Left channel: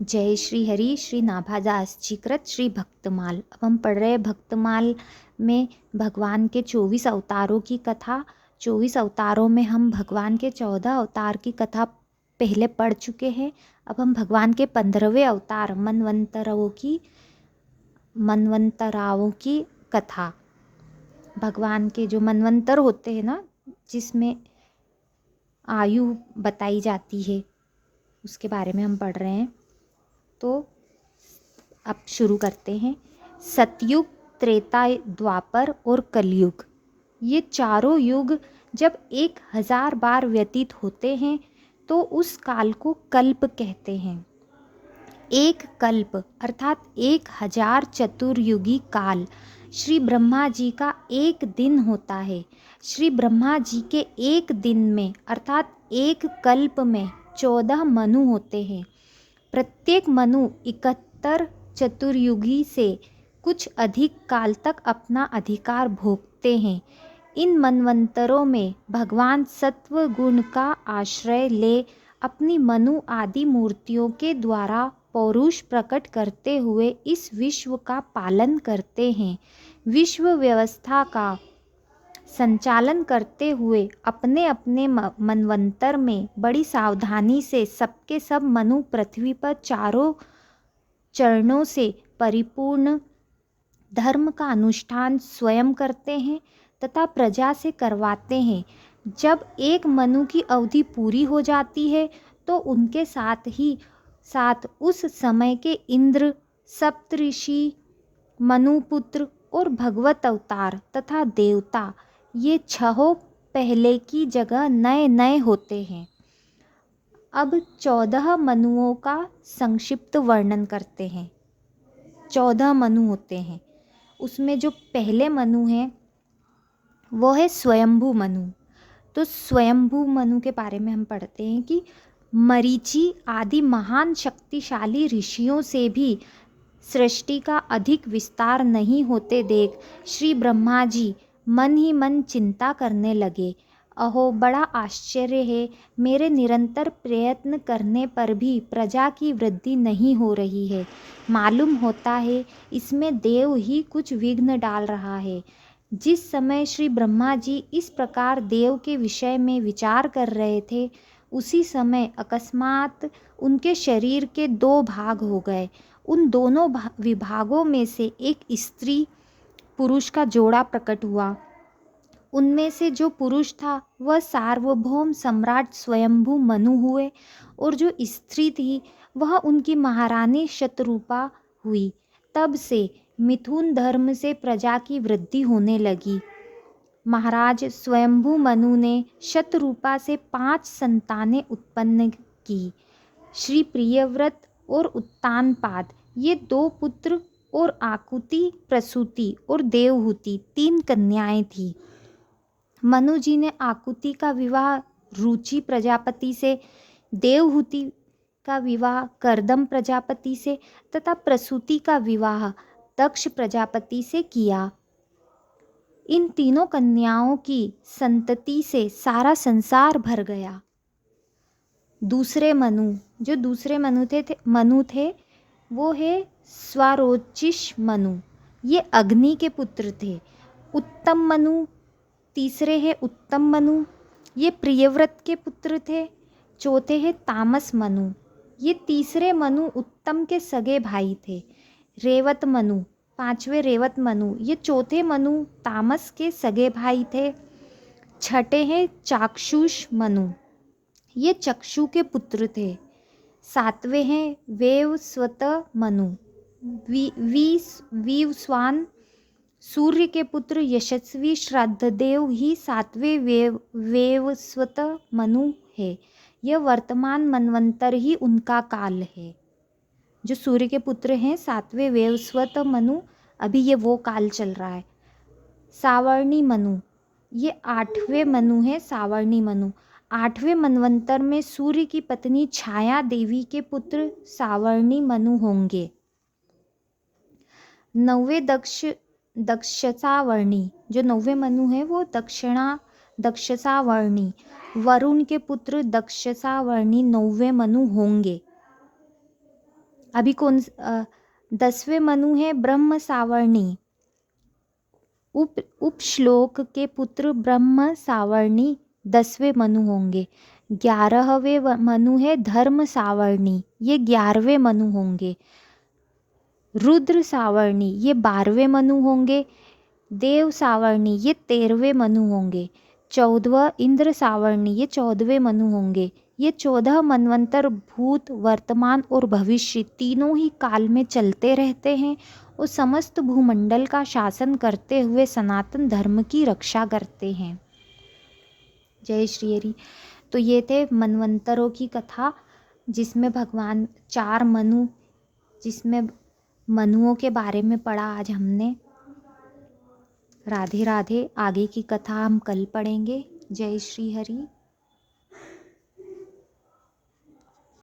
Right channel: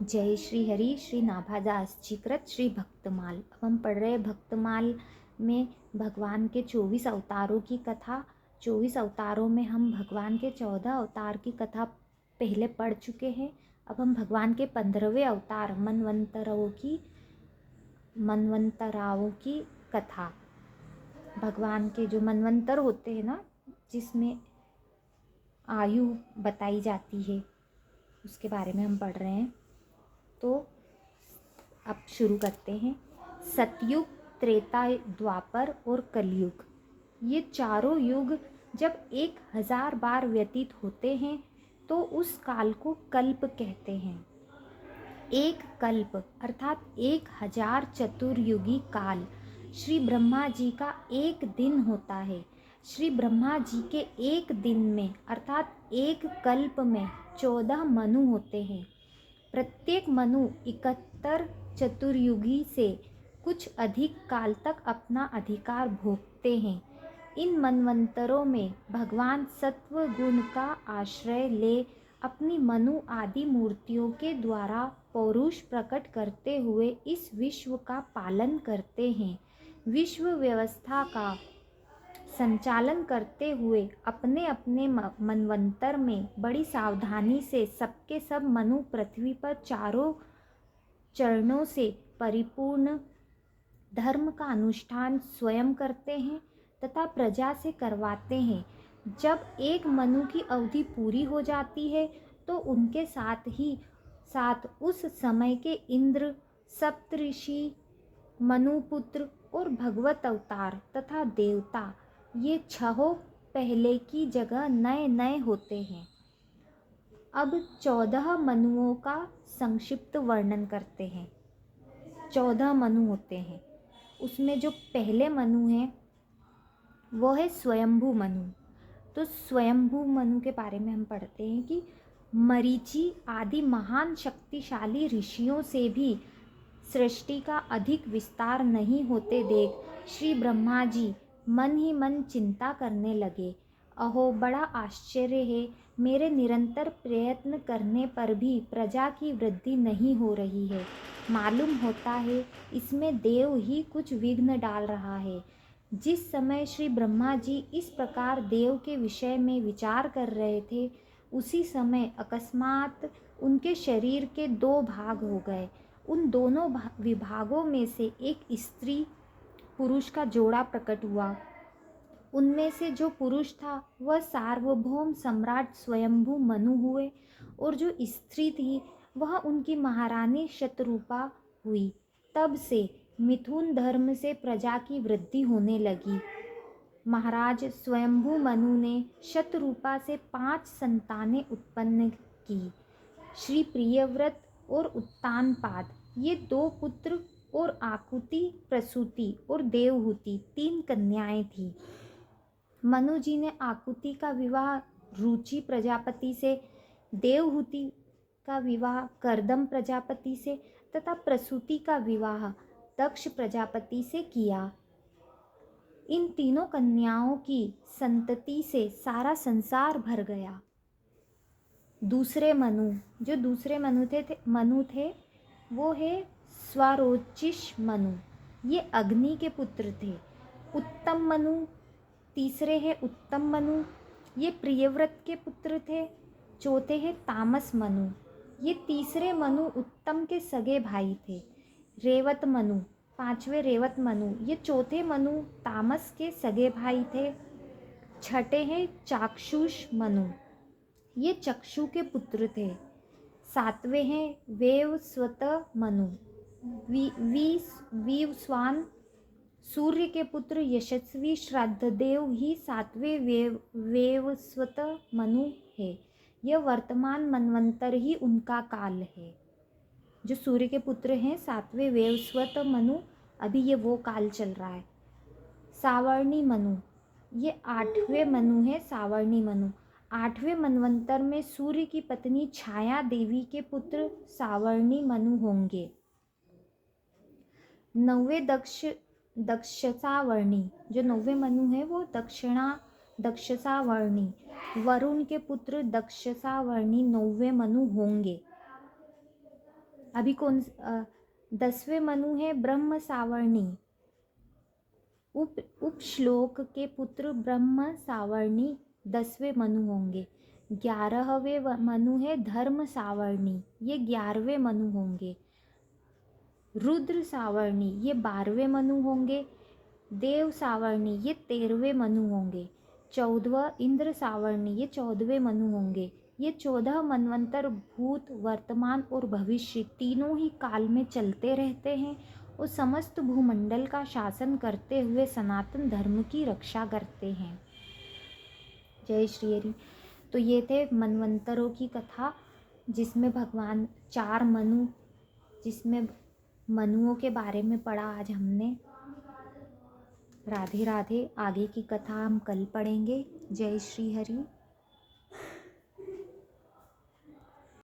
जय श्री हरि श्री नाभादास जी कृत श्री भक्तमाल। अब हम पढ़ रहे हैं भक्तमाल में भगवान के 24 अवतारों की कथा। 24 अवतारों में हम भगवान के 14 अवतार की कथा पहले पढ़ चुके हैं। अब हम भगवान के 15वें अवतार मनवंतराओं की कथा। भगवान के जो मनवंतर होते हैं ना, जिसमें आयु बताई जाती है, उसके बारे में हम पढ़ रहे हैं। तो अब शुरू करते हैं। सतयुग, त्रेता, द्वापर और कलयुग, ये चारों युग जब 1000 बार व्यतीत होते हैं तो उस काल को कल्प कहते हैं। एक कल्प अर्थात 1000 चतुर्युगी काल श्री ब्रह्मा जी का एक दिन होता है। श्री ब्रह्मा जी के एक दिन में अर्थात एक कल्प में 14 मनु होते हैं। प्रत्येक मनु 71 चतुर्युगी से कुछ अधिक काल तक अपना अधिकार भोगते हैं। इन मनवंतरों में भगवान सत्व गुण का आश्रय ले अपनी मनु आदि मूर्तियों के द्वारा पौरुष प्रकट करते हुए इस विश्व का पालन करते हैं। विश्व व्यवस्था का संचालन करते हुए अपने अपने मनवंतर में बड़ी सावधानी से सबके सब मनु पृथ्वी पर चारों चरणों से परिपूर्ण धर्म का अनुष्ठान स्वयं करते हैं तथा प्रजा से करवाते हैं। जब एक मनु की अवधि पूरी हो जाती है तो उनके साथ उस समय के इंद्र, सप्तऋषि, मनुपुत्र और भगवत अवतार तथा देवता, ये छहों पहले की जगह नए नए होते हैं। अब 14 मनुओं का संक्षिप्त वर्णन करते हैं। 14 मनु होते हैं, उसमें जो पहले मनु हैं वो है स्वयंभू मनु। तो स्वयंभू मनु के बारे में हम पढ़ते हैं कि मरीचि आदि महान शक्तिशाली ऋषियों से भी सृष्टि का अधिक विस्तार नहीं होते देख श्री ब्रह्मा जी मन ही मन चिंता करने लगे। अहो, बड़ा आश्चर्य है, मेरे निरंतर प्रयत्न करने पर भी प्रजा की वृद्धि नहीं हो रही है। मालूम होता है इसमें देव ही कुछ विघ्न डाल रहा है। जिस समय श्री ब्रह्मा जी इस प्रकार देव के विषय में विचार कर रहे थे, उसी समय अकस्मात उनके शरीर के 2 भाग हो गए। उन दोनों विभागों में से एक स्त्री पुरुष का जोड़ा प्रकट हुआ। उनमें से जो पुरुष था वह सार्वभौम सम्राट स्वयंभू मनु हुए और जो स्त्री थी वह उनकी महारानी शतरूपा हुई। तब से मिथुन धर्म से प्रजा की वृद्धि होने लगी। महाराज स्वयंभू मनु ने शतरूपा से 5 संतानें उत्पन्न की। श्री प्रियव्रत और उत्तानपाद, ये 2 पुत्र, और आकुति, प्रसूति और देवहूति 3 कन्याएं थीं। मनु जी ने आकुति का विवाह रुचि प्रजापति से, देवहूति का विवाह करदम प्रजापति से तथा प्रसूति का विवाह दक्ष प्रजापति से किया। इन तीनों कन्याओं की संतति से सारा संसार भर गया। दूसरे मनु थे वो है स्वारोचिष मनु, ये अग्नि के पुत्र थे। उत्तम मनु तीसरे है उत्तम मनु, ये प्रियव्रत के पुत्र थे। चौथे है तामस मनु, ये तीसरे मनु उत्तम के सगे भाई थे। रेवत मनु, 5वें रेवत मनु, ये चौथे मनु तामस के सगे भाई थे। छठे हैं चाक्षुष मनु, ये चक्षु के पुत्र थे। 7वें हैं वेवस्वत मनु, वीवस्वान सूर्य के पुत्र यशस्वी श्राद्धदेव ही 7वें वेवस्वत मनु है। यह वर्तमान मनवंतर ही उनका काल है। जो सूर्य के पुत्र हैं 7वें वेवस्वत मनु, अभी ये वो काल चल रहा है। सावर्णी मनु, ये 8वें मनु है। सावर्णी मनु 8वें मनवंतर में सूर्य की पत्नी छाया देवी के पुत्र सावर्णी मनु होंगे। 9वें दक्षसावर्णी, जो 9वें मनु है वो दक्षसावर्णी, वरुण के पुत्र दक्षसावर्णी 9वें मनु होंगे। अभी 10वें मनु है ब्रह्म सावर्णी। उप श्लोक के पुत्र ब्रह्म सावर्णी 10वें मनु होंगे। 11वें मनु है धर्म सावर्णी, ये 11वें मनु होंगे। रुद्र सावर्णी ये 12वें मनु होंगे। देव सावर्णी ये 13वें मनु होंगे। 14वां इंद्र सावर्णी ये 14वें मनु होंगे। ये 14 मनवंतर भूत, वर्तमान और भविष्य तीनों ही काल में चलते रहते हैं और समस्त भूमंडल का शासन करते हुए सनातन धर्म की रक्षा करते हैं। जय श्री हरि। तो ये थे मनवंतरों की कथा, जिसमें भगवान 4 मनु, जिसमें मनुओं के बारे में पढ़ा आज हमने। राधे राधे। आगे की कथा हम कल पढ़ेंगे। जय श्री हरि।